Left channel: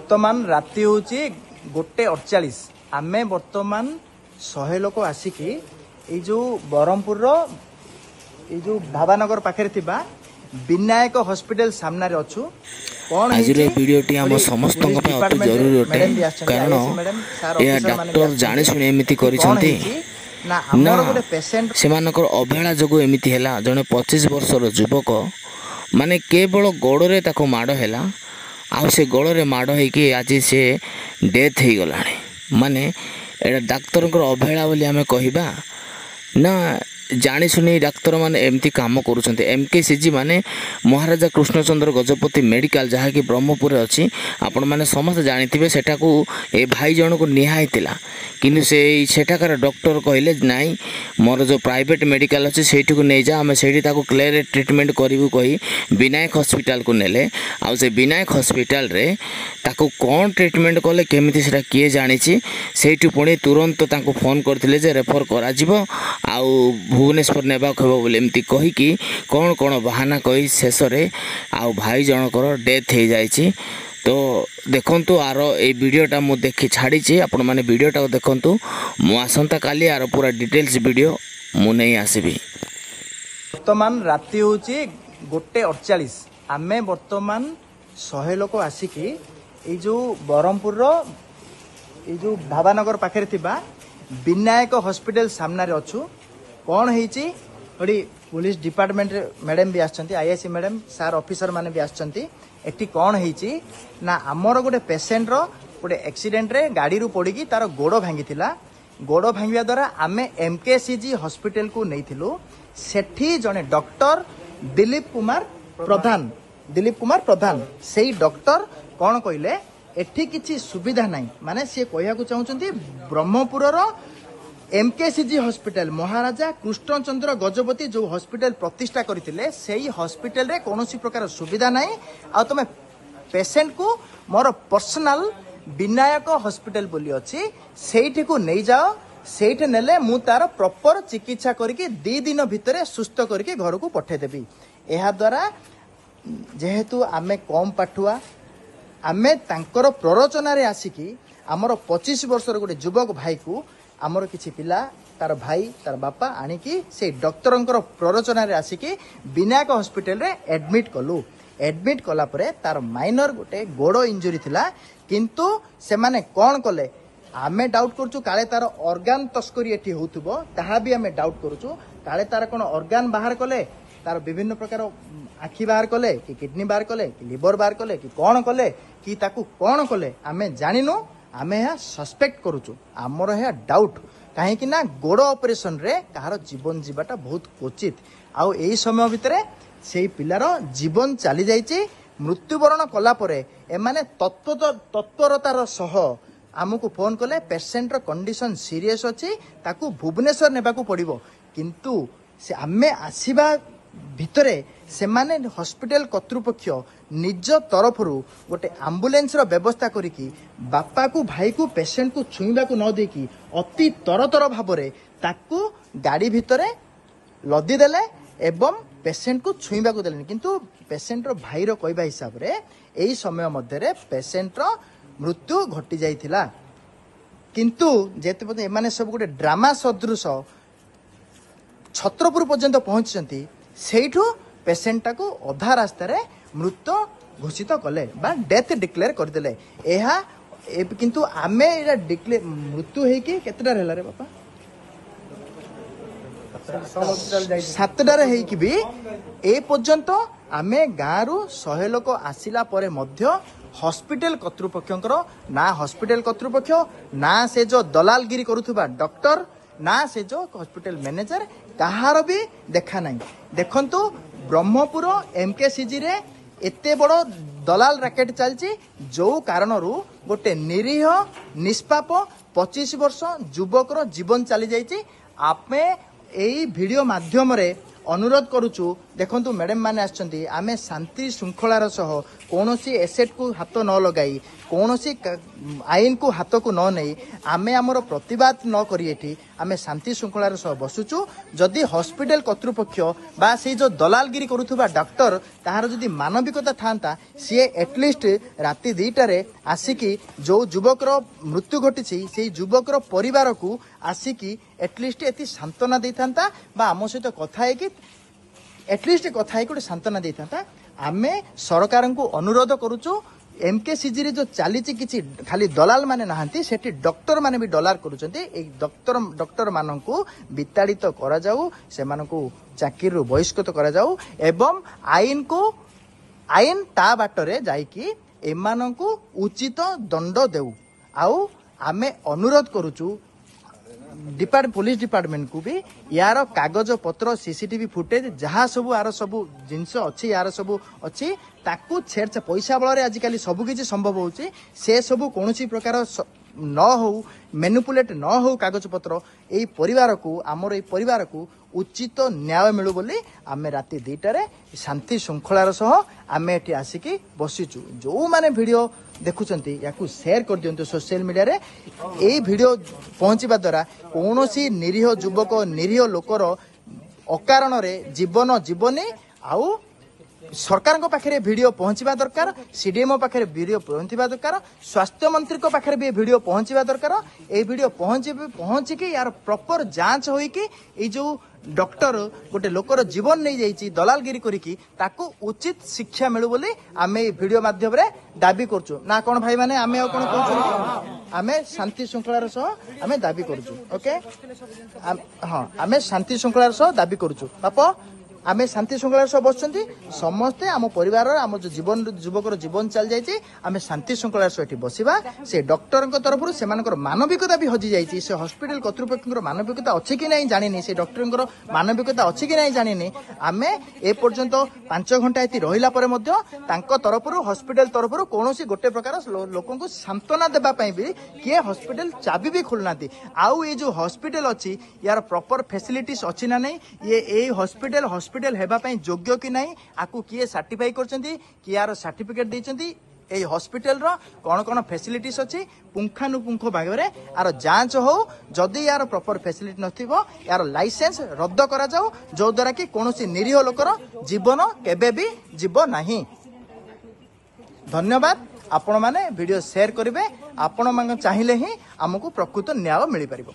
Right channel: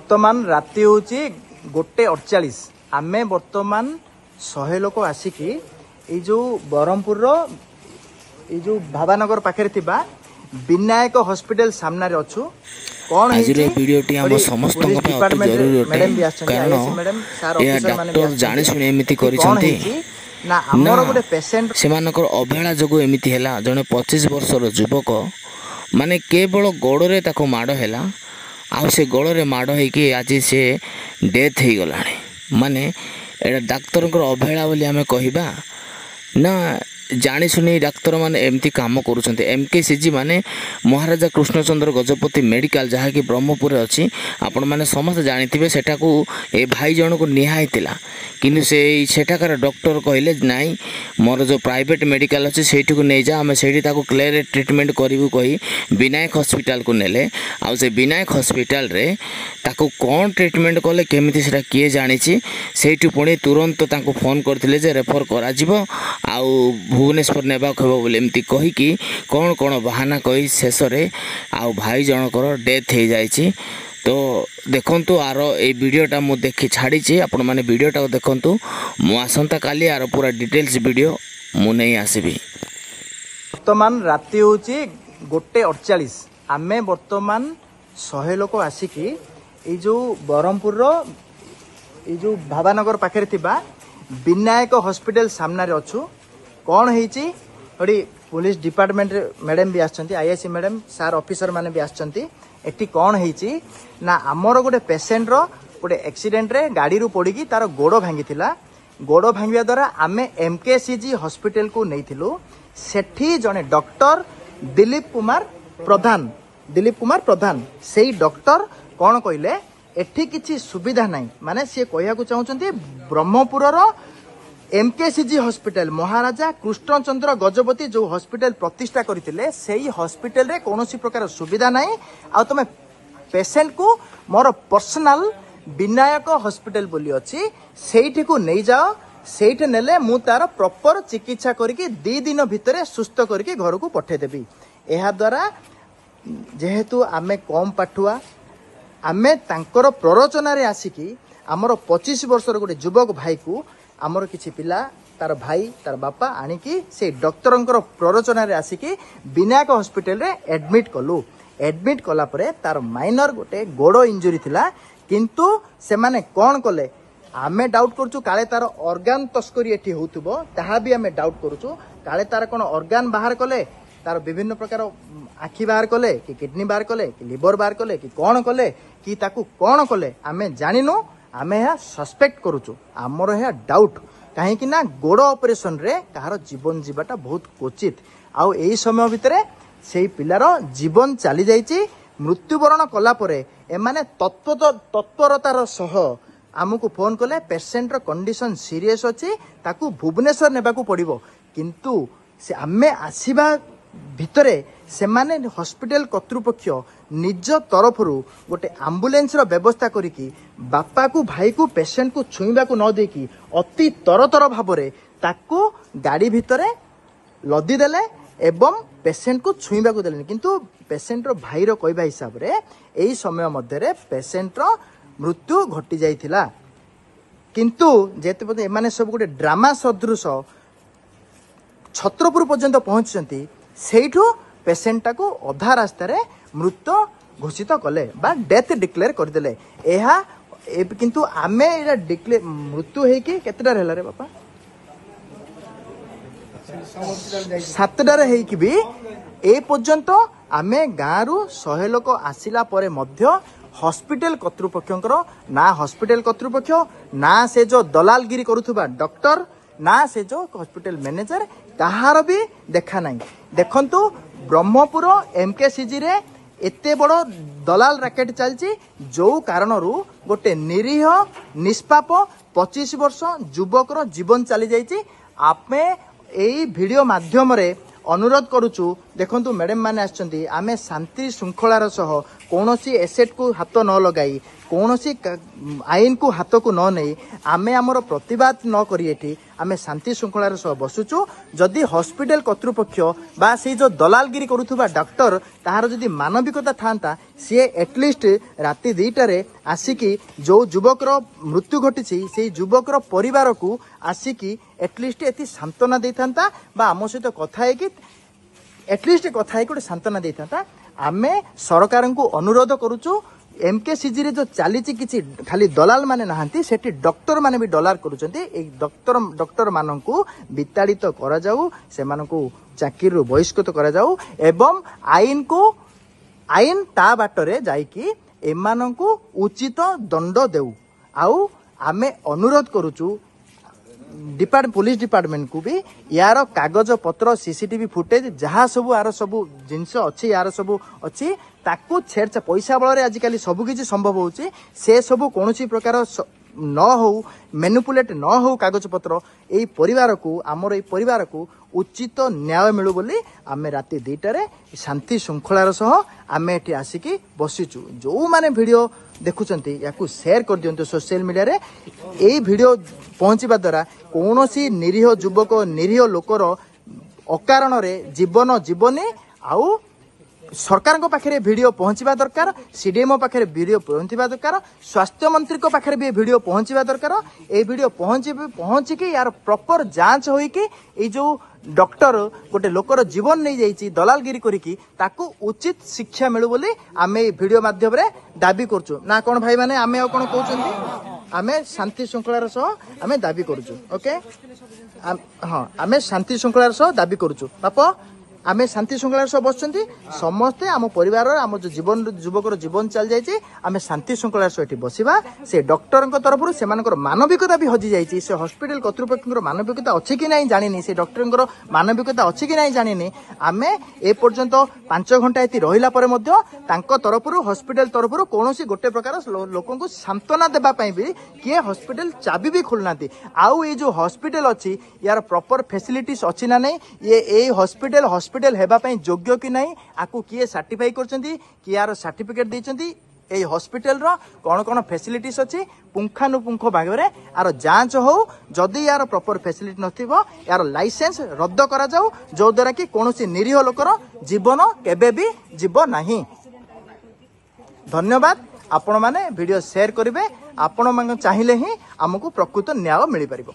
बर्तमान राति हूँ 1:48 आम बर्तमान 100 लोक आसिकी जो ब्रह्मपुर जो ढाबानगर पाखे विनायक हॉस्पिटल सामने अच्छु। आज वीडियोटी आम समस्त अति जरूरी अटे कारण यह डॉक्टर जानी शुणी एमती करिसंती ना से अवहेला जो एमती है जड़े 25 वर्षर युवक माने केवल गोड़े ताको माड़ है आ से गोड़े माड़ होगी आज से डेथ हो गला माने एटा डाक्तर अवहेला बोली आमे कहिबा ना जानी शुणी डाक्तर माने एमती काम करुछन्ते। एमकेसीजी माने महाराजा कृष्णचंद्र गजपति मेडिकल जहाँकि ब्रह्मपुर अच्छी आपण मैंने समस्त जानी सेटा को ए भाई जन को निहाई किंतु सेठाकार डॉक्टर कहले नाई मोर जो प्राइवेट मेडिकल अच्छे सेठी को नहीं जा आम से क्लियर ट्रीटमेंट करूँ कही विनायक हॉस्पिटल को नेले आ से विनायक हॉस्पिटल रे ताको कौन ट्रीटमेंट कले केमिति सेटा किए जानी सेठी पुणी तुरंत ताको फोन करथिले जे रेफर करा जिवो आ भुवनेश्वर नेबा खबो बोले एमती कहीकि कौन कौन बहाना कही शेष आउ भाई जनकर डेथ हो जाइए। तो देखंतु आर ए वीडियोटा मु देखि छाड़ी आपण माने वीडियोटा देखंतु मु आसंता काली आर पूरा डिटेल्स वीडियो मु नहीं आसीबी। वर्तमान राति हूँ 1:48 आम बर्तमान 100 लोक आसिकी जो ब्रह्मपुर जो ढाबानगर पाखे विनायक हॉस्पिटल सामने अच्छु। कौन होती पुलिस डिपार्टमेंट मैडम भी आछंती आईएससी मैडम सार ऑफिसर माने भी आछंती एटी कौन होती ना आमर गोटे पेसेंट रो गोटे एक्सीडेंट रे गाड़ी रू पड़ी तार गोड़ भांगी गोड़ भांगा द्वारा आम एमकेसीजी हॉस्पिटल को नहीं सेठी जने डॉक्टर दिलीप कुमार प्रधान से डॉक्टर कौन कहले एठी किसी सुविधा नहीं माने सी कहया चाहते ब्रह्मपुर एमकेसीजी हॉस्पिटल महाराजा कृष्णचंद्र गजपति जो हॉस्पिटल प्रतिष्ठा करते से हॉस्पिटल रे कौन प्रकार सुविधा नहीं आ तुम पेसेंट को मोर पर्सनल विनायक हॉस्पिटल बोली अच्छी सेठी को नहीं जाओ सेठी नेले मु तार प्रॉपर चिकित्सा करके 2 दिन भितर सुस्थ करके घर को पठेदेवी। यह द्वारा जेहेतु आमे कम पाठुआ आमे तांकर प्ररोचना रे आसिकी हमर 25 वर्षर गोटे युवक भाई को आमर किसी पिला तार भाई तार बापा आनिकी से डॉक्टर प्ररोचना रे आसिकी विनायक हॉस्पिटल रे एडमिट कलु। एडमिट कला परे तार माइनर गोटे गोड़ इंजुरी थिला किंतु से माने कौन कले आमे डाउट करछु काले तार ऑर्गन तस्करी एठी होतबो ताहा भी आमे डाउट करछु काले तार कोन ऑर्गन बाहर कले तार विभिन्न प्रकार आखि बाहर कले कि किडनी बाहर कले कि लिवर बाहर कले कि कौन कले कि ताकू कौन कले आमे जानिनो आमे यह सस्पेक्ट करुचु आमर यह डाउट कहीं ना गोड़ ऑपरेशन रे तार जीवन जीवाटा बहुत क्वचित आउ एई समय भितर से पिलार जीवन चली जाइए मृत्युवरण कला परे एमाने तत्परतार सह आमको फोन कले पेसेंट कंडीशन सीरियस अच्छी ताकू भुवनेश्वर नेबाकू पड़िबो किंतु से आमे आसीबा भितरे से माने हॉस्पिटल कर्तृपक्ष निज तरफ गोटे आम्बुलेंस व्यवस्था करिकी बापा को भाई को पेसेंट को छुईबा को न देकी अति तरतर भाव ताकू गाड़ी भितरे लदी देले एवं पेसेंट को छुईबा को देले किंतु पेसेंट रो भाई रो कहबा हिसाब रे एई समय मध्य पेसेंट रो मृत्यु घटी जाइथिला किंतु जेते पते एमाने सब गोटे ड्रामा सदृश छत्रपुर पर्यंत पहुंचती सेठू पेसेंट को अधा रास्ता रे मृत घोषित कले बा डेथ डिक्लेयर करदेले एहा किंतु आमे एरा डिक्लेयर मृत्यु हेकी केतेडा रहला रे बापा 7टार हेकी भी ए पर्यंत आमे गारू 100 लोक आसिला परे मध्य हॉस्पिटल कर्तृपक्षर ना हॉस्पिटल कर्तृपक्ष ना से जो दलालगिरी करुथुबा डॉक्टर ना से जो हॉस्पिटल मैनेजर ताहार भी देखा नहीं। देखंतु ब्रह्मपुर एमकेसीजी रे एते बड़ दलाल रैकेट चलची जो कारण गोटे निरीह निष्पाप 25 वर्ष युवकर जीवन चली जाइए। आपने यही वीडियो माध्यम रे अनुरोध करुचु देखंतु मैडम माने आछंती आमे शांति श्रृंखलार सह कोनोसी एसेट को हाथ न लगाई कोनोसी आईन को हाथ को न नहीं आमे हमर प्रतिवाद न करिएठी आमे शांति श्रृंखलार सह बसुचु जदि हॉस्पिटल कर्तृपक्ष बा से जो दलालगिरी करूथुबा डॉक्टर ताहार जदि मानविकता थांता सी एटलिस्ट राति 2टारे आसिकी जो युवकर मृत्यु घटी से युवकर परिवार को आसिकी एटलिस्ट एति सांत्वना देथांता बा आम सहित कथा है कि एटलिस्ट कथा है गोटे सांत्वना देता आमे सरकार को अनुरोध करुचु एमकेसीजी रे जो चली किसी खाली दलाल माने नहांती सेठी डॉक्टर माने भी डॉलर करुचंती ए डॉक्टर माननकु विताड़ित करा जाऊ सेमानकु चाकरी रो बहिष्कृत करा जाऊ एवं आईन ता बाटरे जाईकी एमानकु उचित दंड देऊ आउ आमे अनुरोध करुचु पुलिस डिपार्टमेंट को भी यार कागज पत्र सीसीटीवी फुटेज जहाँ सब यार सब जिनस अच्छी यार सब अच्छी ताकू छेड़ पैसा बल आजिकल सब किसी संभव होची से सब कौन प्रकार न हो मैनिपुलेट न हो कागज पत्र यही परिवार को आमर ये परिवार को उचित न्याय मिलू बोली आमे राति 2टारे शांति श्रृंखलार सह आमे एठी आसिकी बसिचु जो माने वीडियो देखुचंती याकू शेयर कर दियंतु सोशल मीडिया रे एई वीडियो पहुंचीबा द्वारा कोनोसी निरीह युवक निरीह लोकर अकारण रे जीवन जीवने आउ सरकार को पाखे वीडियो पहुंचवा दरकार सीडीएमओ पाखे वीडियो पहुंचवा दरकार स्वास्थ्य मंत्री को पाखे भी वीडियो पहुंचवा दरकार ए वीडियो पहुंचिकी यार प्रॉपर जांच होइकी ए जो डॉक्टर गोटे लोकर जीवन नहीं जाइए दलालगिरी करिकी ताकू उचित शिक्षा मिलू बोली आमे वीडियो माध्यम रे दाबी करछु ना कोन भाई माने आमे कोन कहउछु आमे शांति श्रृंखलार सह आमे दाबी करछु ओके हां आमे शांति श्रृंखलार सह दाबी करछु बापा आमे शांति श्रृंखलार सह बसचंती समस्ते आम परिवार आम जो जीवन युवकर जीवन चल जाइए आमे शांति श्रृंखलार सह एठी बसिबा से डॉक्टर तरफ से मानविकता भी हजि जाइए से हॉस्पिटल कर्तृपक्ष मानविकता अच्छी कि नहीं जानी से डॉक्टर मानविकता अच्छी कि नहीं जानी आमे ए पर्यंत 5 घंटा ये रहिला परे मध्य तांको तरफ हॉस्पिटल तरफ कौन गोटे प्रकार लोक को सांत्वना देवाई भी किए हॉस्पिटल चाबी भी खोलना आउ ये जो हॉस्पिटल अच्छी यार प्रॉपर फैसिलिटीज अच्छी ना नहीं ये हॉस्पिटल हेबा पई योग्य कि नहीं आपको किए सर्टिफाई करछंती कि यार सर्टिफिकेट देछंती ए हॉस्पिटल रो कौन कौन फैसिलिटीज अच्छी पुंखानुपुंख भाग में यार जांच हो जदि यार प्रॉपर फैसिलिटी नथिबो यार लाइसेंस रद्द करा जाऊ जो द्वारा कि कोनोसी निरीह लोकर जीवन केबे भी जीव नहीं। धन्यवाद आपण माने वीडियो शेयर करिवे आपण माने चाहिए ही हमको प्रकृत न्याय मिल पारिबो।